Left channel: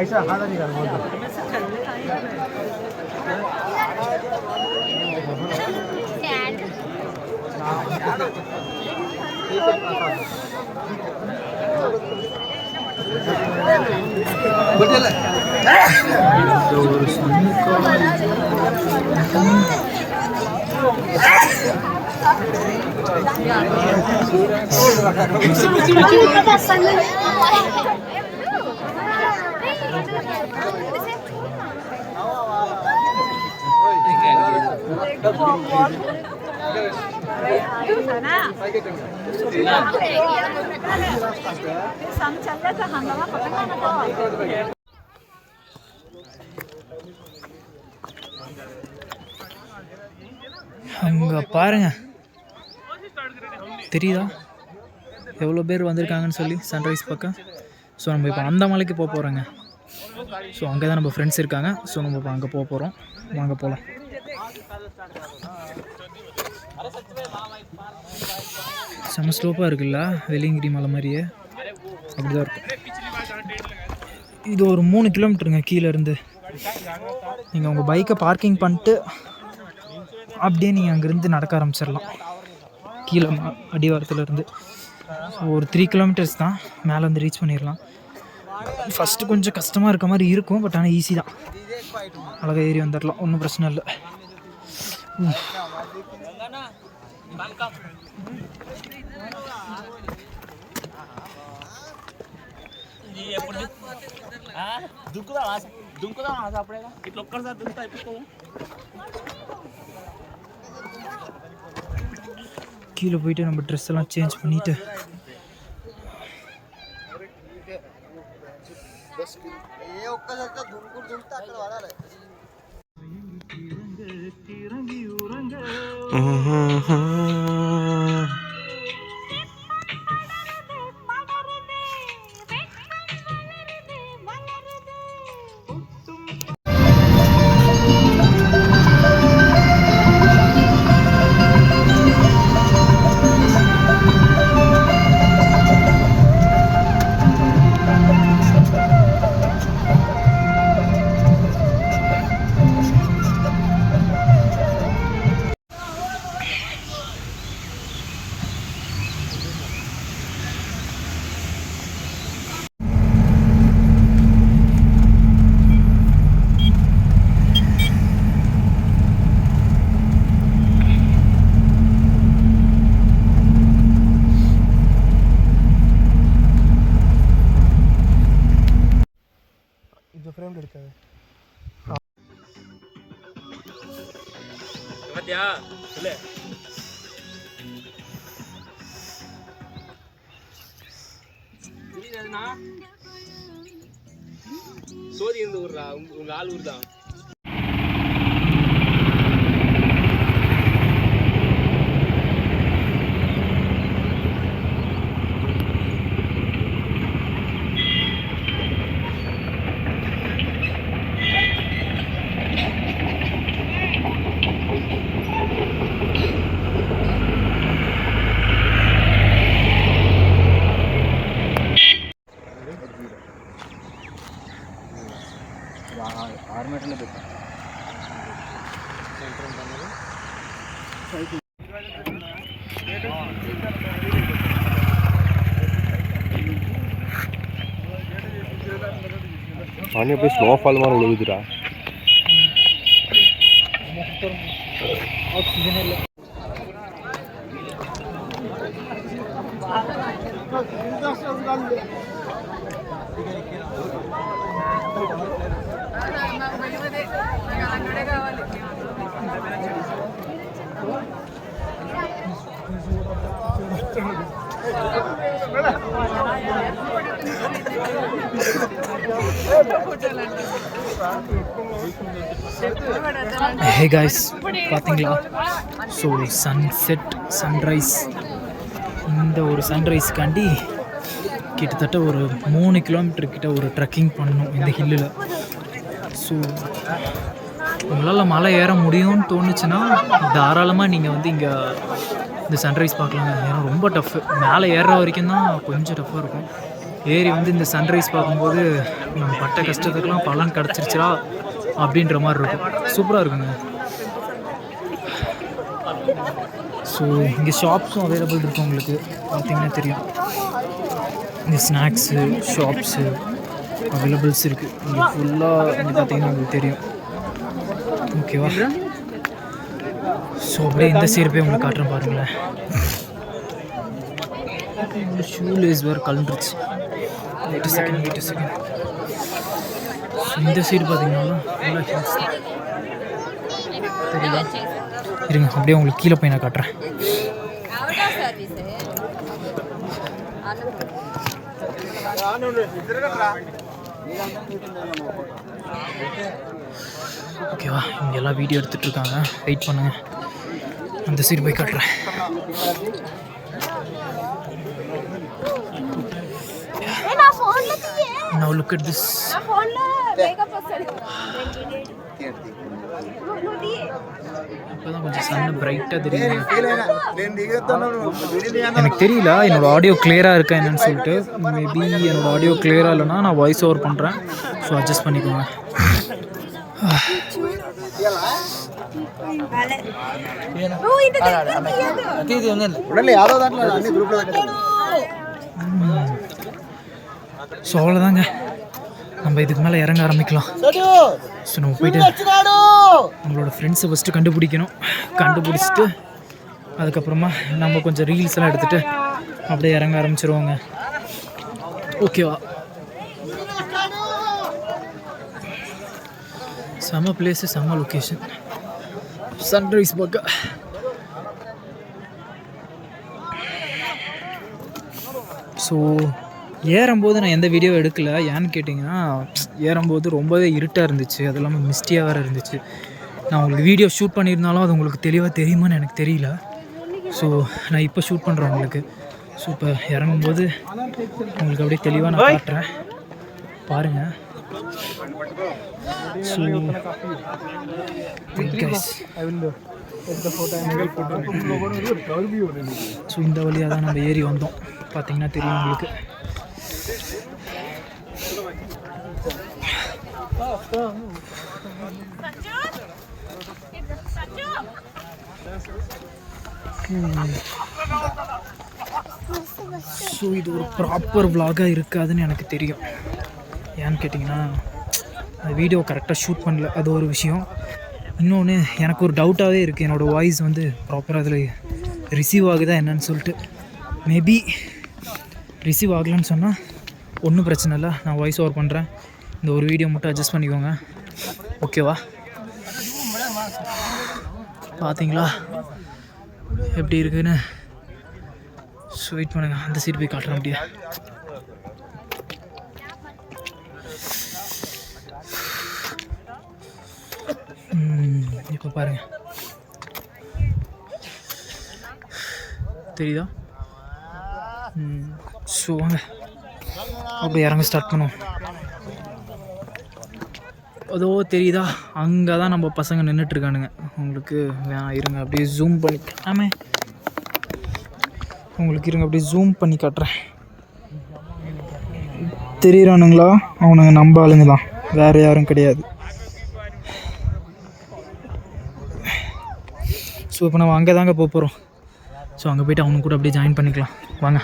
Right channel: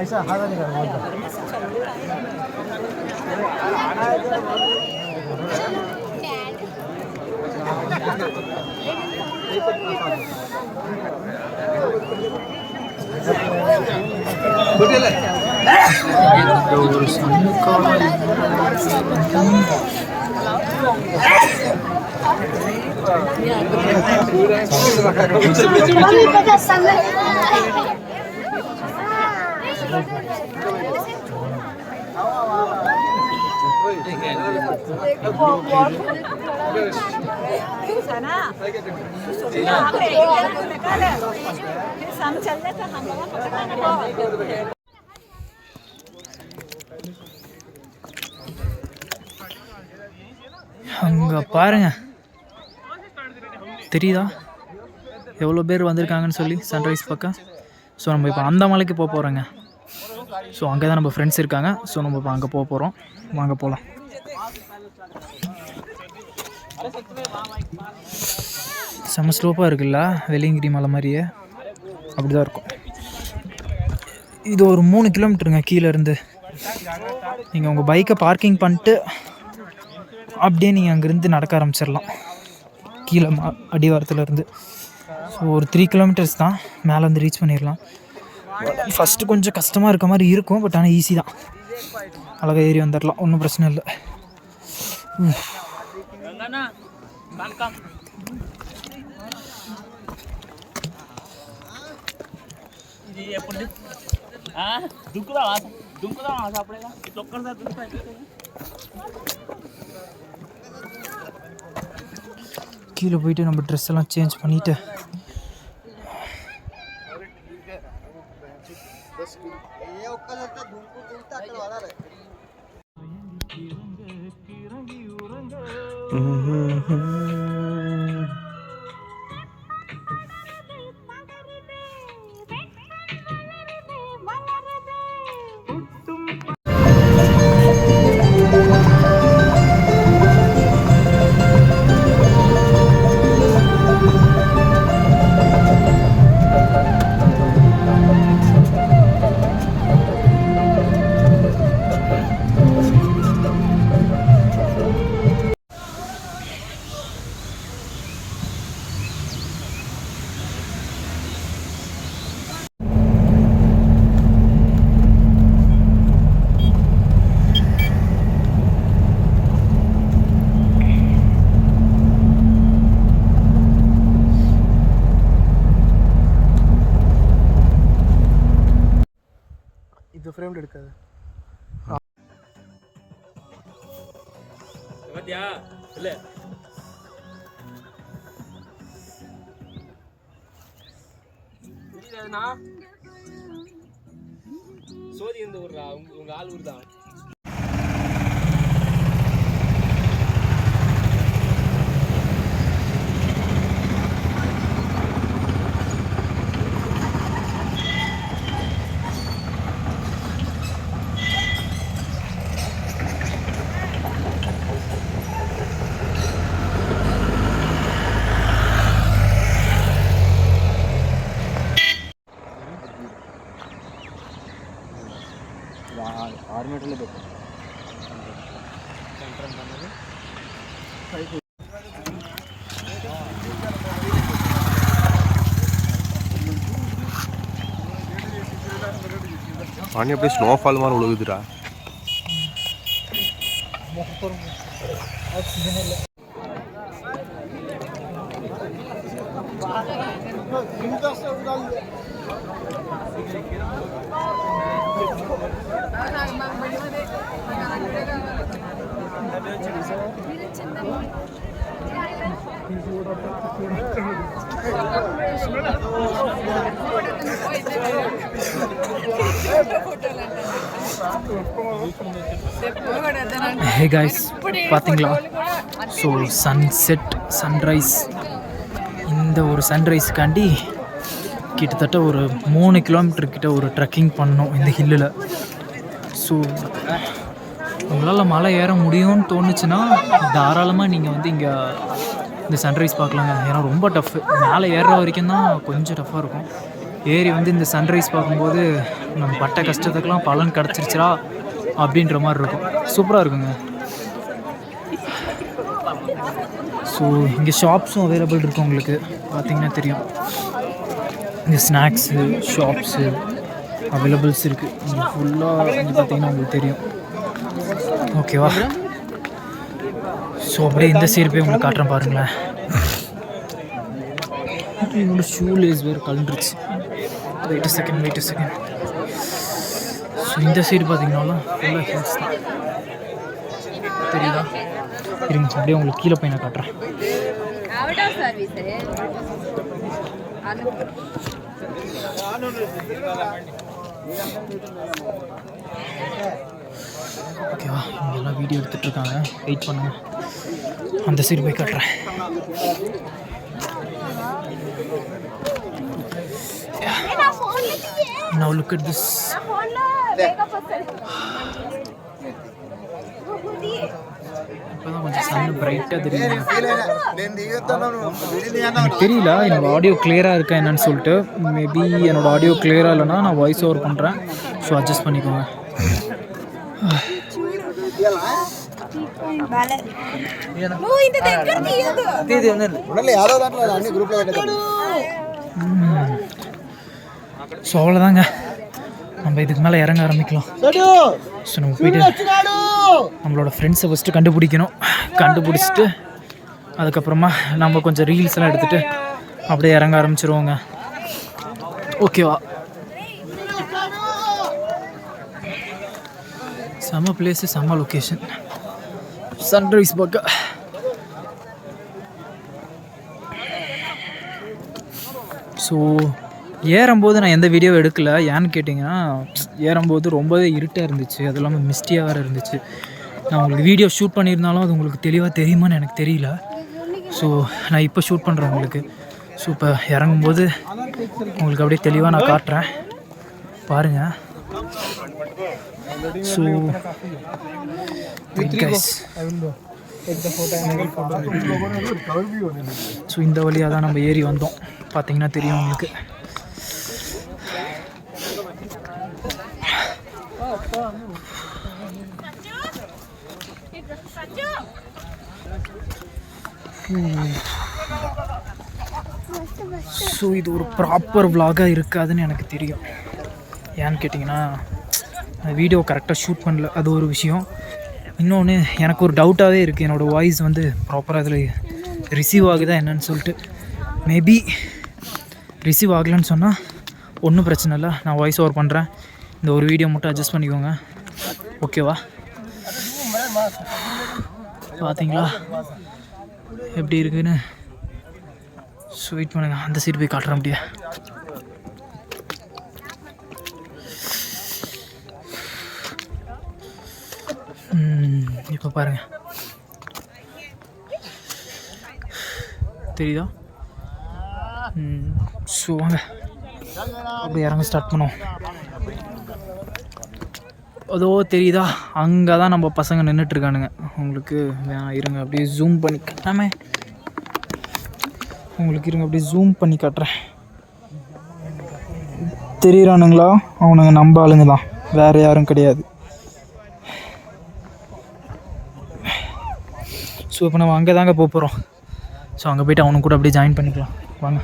ऐसा हाथ नहीं कर ஒரு சன்னுக்கான அங்கே பாருங்க, தெரியுதா எவ்வளோ பேர் வந்திருக்காங்கன்னு சொல்லி சன்ரைஸ் பக்கம். ஸோ நம்ம இப்போ அந்த மலைக்கு போக போகிறோங்க. ஸோ அங்கே தான் நம்ம ஃப்ரெண்ட்ஸ் இருக்காங்க. ஸோ நம்ம இப்போ அங்கே போக போகிறோம். வாங்க போகலாம். செம்ம ஸ்லோப்பாக இருக்குல்ல, வெள்ளியங்கிரி மலை மாதிரியே அப்படி தான் இருக்கும். இது ஒரு 3 கிலோமீட்டருங்க கீழேருந்து. நீங்கள் உங்கள் பைக்கை பார்க்கிங் பண்ணிட்டு அப்படியே நீங்கள் அங்கேருந்து நடக்க ஆரம்பிச்சிடலாம் கீழே அடிவாரத்துலேருந்து. ஸோ ஒரு 3 கிலோமீட்டர்ஸ் தான், மேலே வந்து ரீச் பண்ணிடலாம். ஃபஸ்ட்டு கொஞ்சம் கஷ்டமாக இருக்க மாதிரி இருக்கும், பட் ஆனால் ஈஸி தான். அழகாக ஏறி வந்துடலாம், ஒன்றும் பிரச்சனை இல்லை. கீழே போயிட்டு நம்ம ட்ரெஸ் எல்லாம் சேஞ்ச் பண்ணிவிட்டு ஃப்ரேம் எடுக்காது. பாத்தியா இல்ல தெரியுதுனா சோதி இருந்து ஊர்றா, உங்க ஆள் ஊர் தான். पानी அப்படியே ஸ்னோஃபால் மாதிரி விழுகுதுடா. ஆக்சிஜன் இல்ல. Hey guys, பார்த்தீங்களா? ஸோ சன்செட் சன்ரைஸ், இந்த ஒரு சன்ரைஸ்க்காண்டி கிட்டத்தட்ட ஒரு 3 கிலோமீட்டர் கிட்ட ஒரு ட்ரெக்கிங் பண்ணணும் இந்த ஹில்லில். ஸோ உங்களால் மலை ஏற முடியும்னு தோணுச்சுன்னா தாராளமாக நீங்கள் வந்து இங்கே இந்த சன்ரைஸ் பார்க்கலாங்க. ஏன்னா ரொம்ப டஃப்பு, மேலே ஏறுற வரைக்கும் தான் கொஞ்சம் டஃப்பாக இருக்கும். ஏறி வந்து இந்த சன்ரைஸ் பார்க்கும்போது நம்ம பட்ட கஷ்டத்துக்கெலாம் பலன் கிடச்சிருச்சா அப்படின்ற மாதிரி இருக்கும். சூப்பராக இருக்குங்க. ஸோ இங்கே ஷாப்ஸும் அவைலபிள் இருக்கும். உங்களுக்கு பார்த்தீங்கன்னா தெரியும், இந்த ஸ்நாக்ஸு ஷாப்ஸு அவைலபிள்ஸ் இருக்குது இங்கே ஃபுல்லாக. இங்கே பார்த்தீங்கன்னா உங்களுக்கு தெரியும். ஓகேவா? ஸோ அப்படியே இந்த சைடு போய் உங்களுக்கு காட்டுறேன் பாருங்களேன். என்னோட ஷூ லேஸ் வேறு கலண்டுருச்சு. Wait second. ஸோ இந்த சைடு பார்த்தீங்கன்னாலும் ஃபுல்லாக ஹில்ஸ் தான். தெரியுதா? இருங்க அப்படியே உங்களுக்கு கீழே போய் நான் காட்டுறேன். ஓகேவா? இங்கெல்லாம் வீடியோ எடுத்துகிட்ருக்காங்க, வெயிட் பண்ணுங்க. அந்த சைடு போய் காட்டுறேன். Now look at this. இப்போதான் கொஞ்சம் சன்னு பிரைட்டாக தெரியுதுங்க. எனக்கு தெரியல என்னோடய ஆடியோ கிளியராக இருக்கா என்னன்னு சொல்லிட்டு. மேபி என்னோடய ஆடியோ கிளியராக இல்லைனா நான் வாய்ஸ் ஓவர் பண்ணுறேன். ஸோ அட்ஜஸ்ட் பண்ணிக்கோங்க. ஸோ அவ்வளோதாங்க, நம்ம இதுக்கு மேலே இறங்க ஆரம்பிக்கலாம். ஸோ நம்ம போயிட்டு நம்மளோட ஃப்ரெண்ட்ஸை ஃபஸ்ட்டு கண்டுபிடிக்கணும். கண்டுபிடிச்சிட்டு அதுக்கப்புறமா நம்ம கொஞ்சம் ரீல்ஸ் எல்லாம் எடுத்துகிட்டு அப்படியே இறங்க ஆரம்பிச்சிருவோங்க. ஓகேவா? செம்ம பிளேஸு, செம்ம லொக்கேஷன், சன்ரைஸ் பார்க்க. ஸோ ஏறும்போது நான் எந்த வீடியோ எடுக்கலை. ஏன்னு கேட்டிங்கன்னா ஏறும்போது ரொம்பவே இருட்டாக இருந்துச்சு, அது இல்லாமல் மிஸ்டியாக வேறு இருந்துச்சு. நான் உங்களுக்கு வீடியோ ஷூட் பண்ணியிருந்தாலும் அது உங்களுக்கு தெளிவாக தெரியுமான்னு எனக்கு தெரியல. ஸோ நான் இப்போ ஷூட் பண்ணுறேன் உங்களுக்கு. ஸோ இப்போ இறங்கும்போது உங்களுக்கு அப்படியே தெளிவாக நான் காட்டுறேன், பாருங்கள். ஸோ கைஸ், ஸோ இந்த வழியாக தான் நம்ம ஏறி வந்தோம். பார்த்தீங்கன்னா தெரியும் உங்களுக்கு. ஸோ இது ஒரு ப்ராப்பர் விலாகாக இருக்காதுன்னு எனக்கு தெரியும். ஏன்னு கேட்டிங்கன்னா வீடியோ கரெக்டாக ஷூட் பண்ணல, அது ஒரு விஷயம். இன்னொன்று எனக்கு ஒரு டவுட்டாகவே இருக்குது, என்னோடய வாய்ஸ் வந்து ப்ராப்பராக அதில் ரிசீவ் ஆகுதா என்னன்னு சொல்லிட்டு. மேபி ரிசீவ் ஆகலைன்னு சொன்னால் ஒன்றும் பிரச்சனை இல்லை, நான் வாய்ஸ் ஓவர் பண்ணுறேன். இந்த ஒரு வீடியோ மட்டும் அட்ஜஸ்ட் பண்ணிக்கோங்க, ஓகேவா? பார்த்தீங்களா எப்படி இருக்குன்னு? ஸோ வெயிட் பண்ணுங்கள், அந்த சைடு போய் காட்டுறேன் அப்படியே. இப்போ பாருங்கள், தெரியுதா? ஸோ வாங்க அப்படியே இறங்க ஸ்டார்ட் பண்ணுவோம். அதோ தெரியுதா, அங்கே தான் நம்ம பசங்க நின்றுட்டுருக்கானுங்க. உங்களுக்கு வேணாம் இருங்க அப்படியே ஜூம் பண்ணி காட்டாமே, உங்களுக்கு இருங்க அப்படியே ஜூம் பண்ணி காட்டுறேன். தெரியுறானுங்களா? அவனுங்க நம்ம ஆளுங்க தான், வேறு யாரும் கிடையாது. ஸோ இப்போ நம்ம அங்கே தாங்க போக போகிறோம். ஸோ அங்கே போய்ட்டு அவனுக்கு கூட அப்படியே ஜாயின் பண்ணிக்கலாம், வாங்க.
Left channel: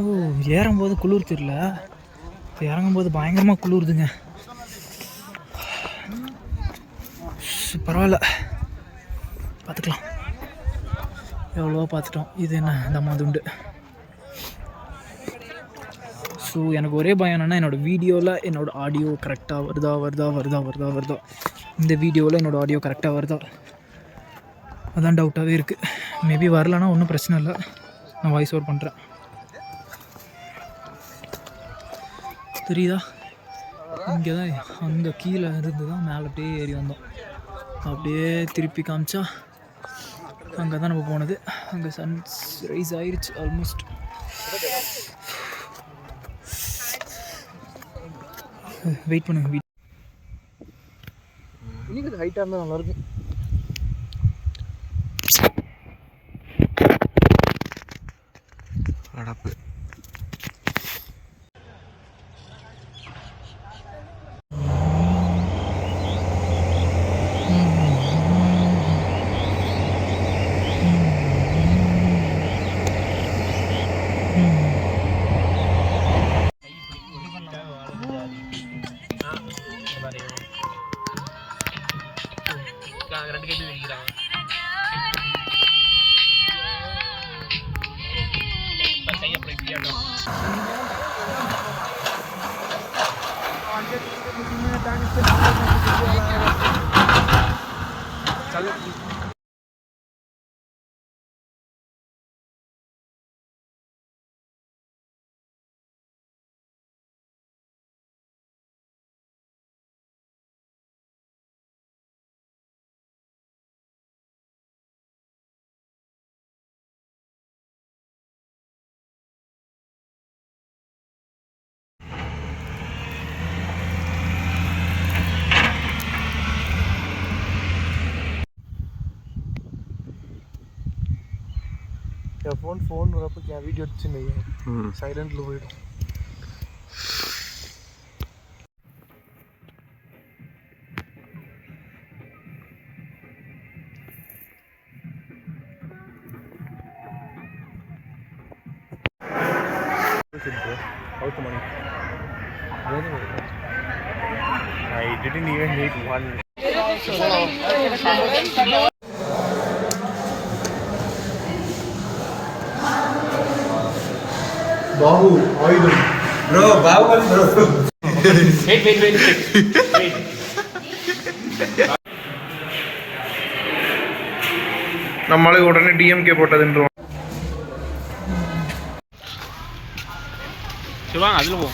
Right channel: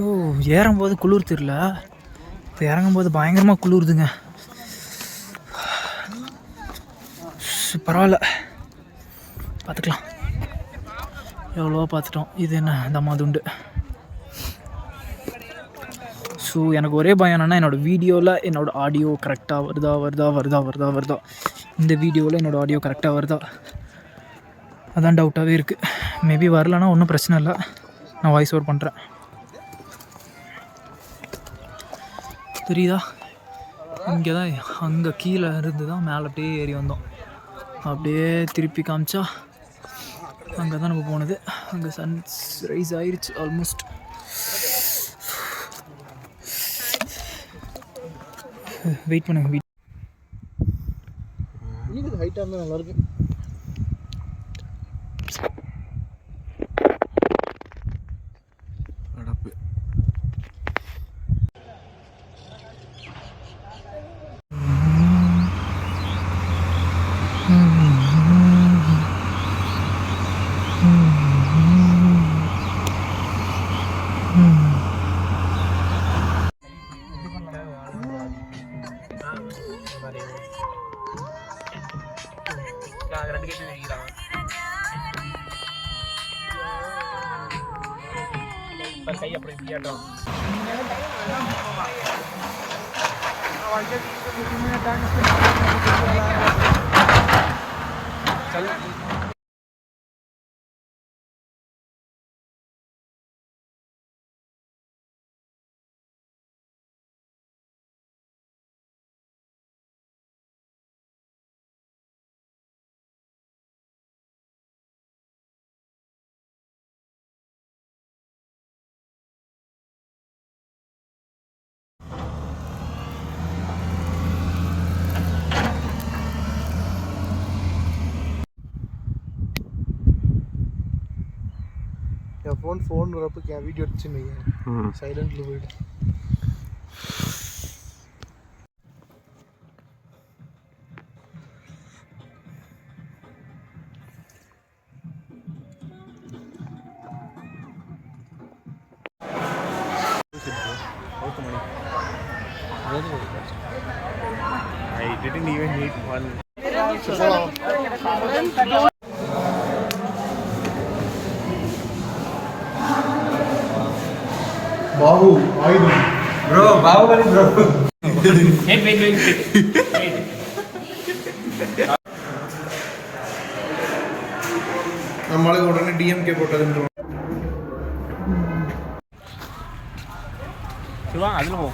ஓ, ஏறும்போது குளிர் தெரியல, இப்போ இறங்கும்போது பயங்கரமாக குளிருதுங்க. பரவாயில்ல, பார்த்துக்கலாம். எவ்வளோவா பார்த்துட்டோம். இது என்ன தம்மாதுண்டு. ஸோ எனக்கு ஒரே பயம் என்னென்னா என்னோடய வீடியோவில் என்னோடய ஆடியோ கரெக்டாக வருதா. இந்த வீடியோவில் என்னோடய ஆடியோ கரெக்டாக வருதா, அதான் டவுட்டாகவே இருக்குது. மேபி வரலன்னா ஒன்றும் பிரச்சனை இல்லை, நான் வாய்ஸ் ஓவர் பண்ணுறேன். தெரியுதா? இங்கே தான், அங்கே கீழே இருந்து தான் மேலே அப்படியே ஏறி வந்தோம். அப்படியே திருப்பி காமிச்சா அங்கே தான் நம்ம போனது. அங்கே சன்ரைஸ் ஆயிடுச்சு ஆல்மோஸ்ட். வெயிட் பண்ணுங்க. இன்னும் ஹைட்டாக இருந்தால் நல்லாயிருக்கும். அடப்பு என் ஃபோன் வரப்போ என் வீடியோ எடுத்துன்னு சைலண்டில் போயிடும். I didn't even need one. Bahu, Aidum. Bro, Bahubali bro. Wait. நம்மளே உடனே டிஎம்கே போட்டதுன்றோம். சிவாங்க அதில் போ.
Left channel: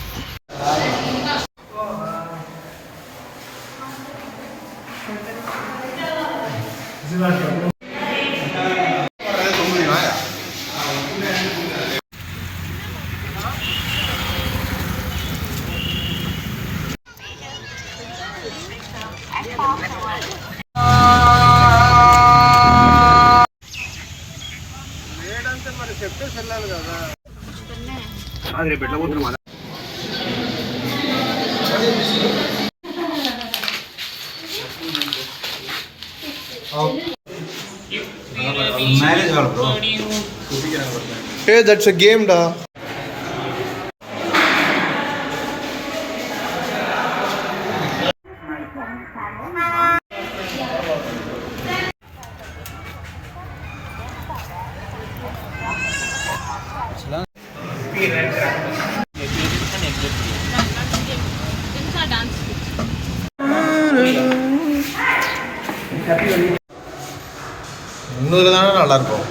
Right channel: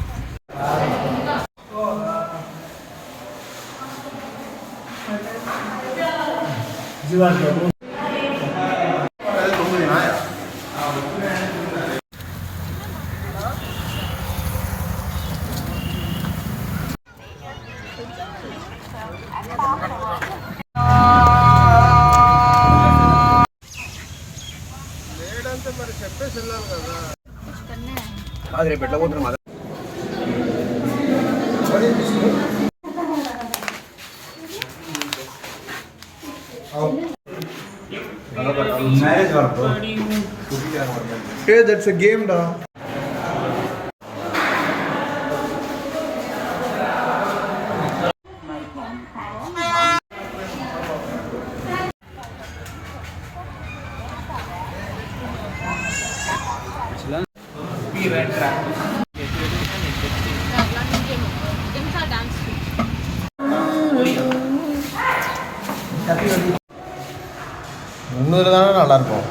Marriage wala bro. Hey, that's a game da. இன்னொரு தானே நல்லா இருக்கும்.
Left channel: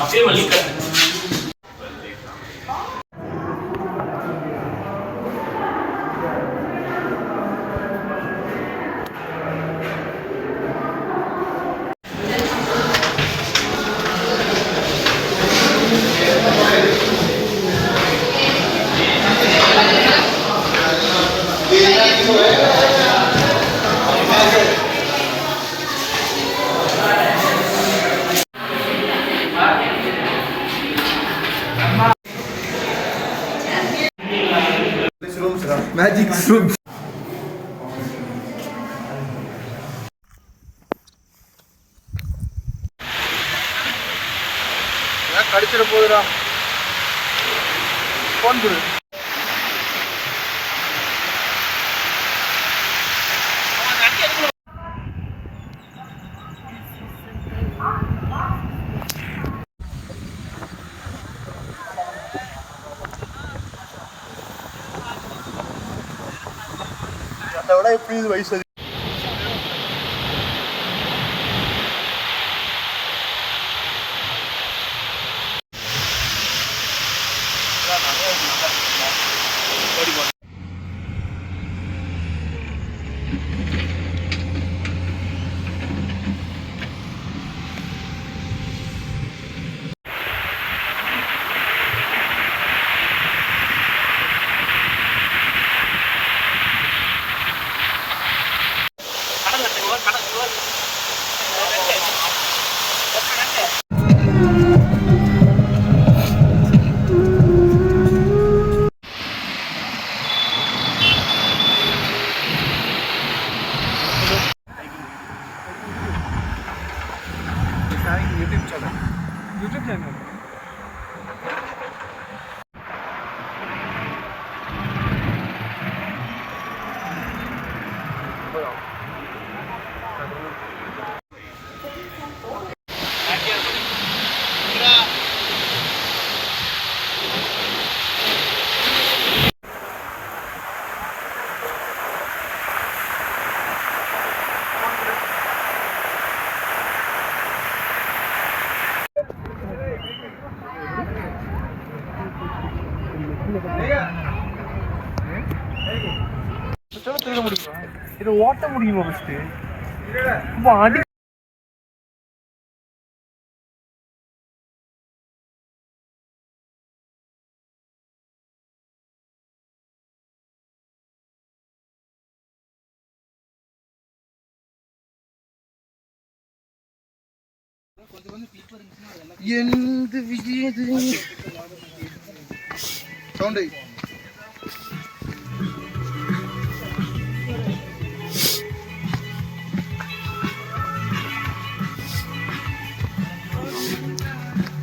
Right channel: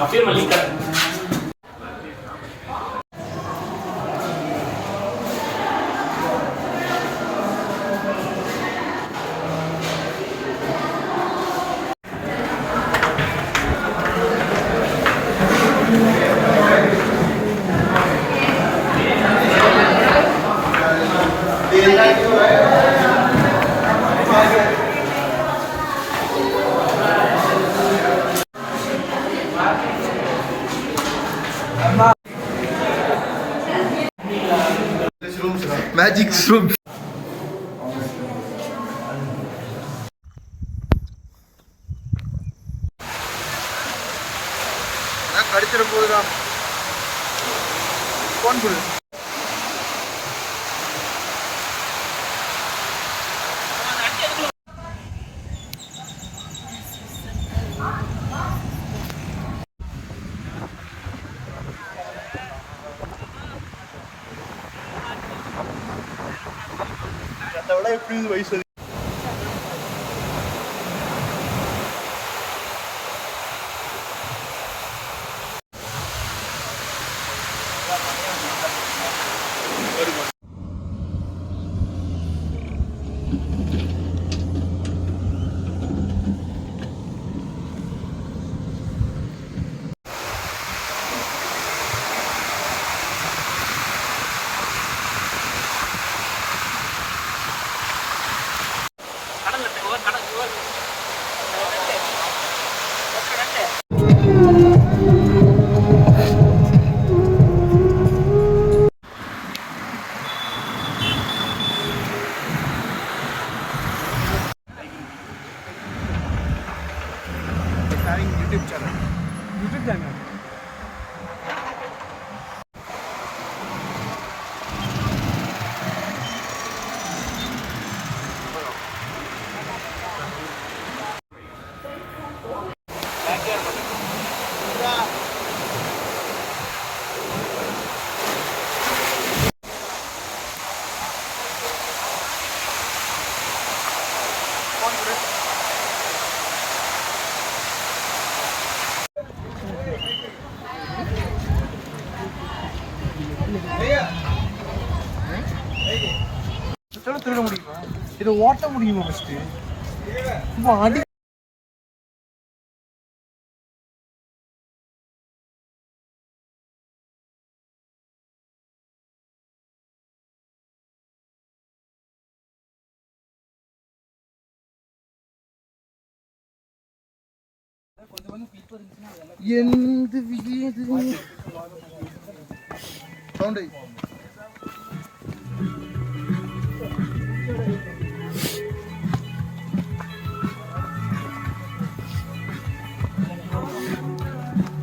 அப்படியே மல்லிகா Magic room. போகுதுடா அதை விட எப்படி இது வயசு இது ஓட்ட முடியுமா ஃபர்ஸ்ட் இப்போ அடி എന്ത് വിജയത് സൗണ്ട്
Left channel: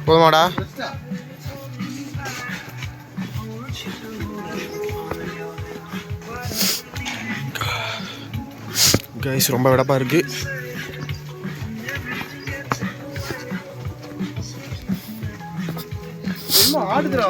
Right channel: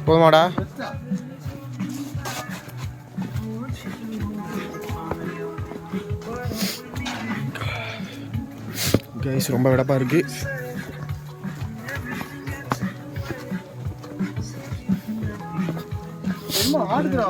போதுமாடா கைஸ் ரொம்ப வெடப்பா இருக்கு ஆடுதுடா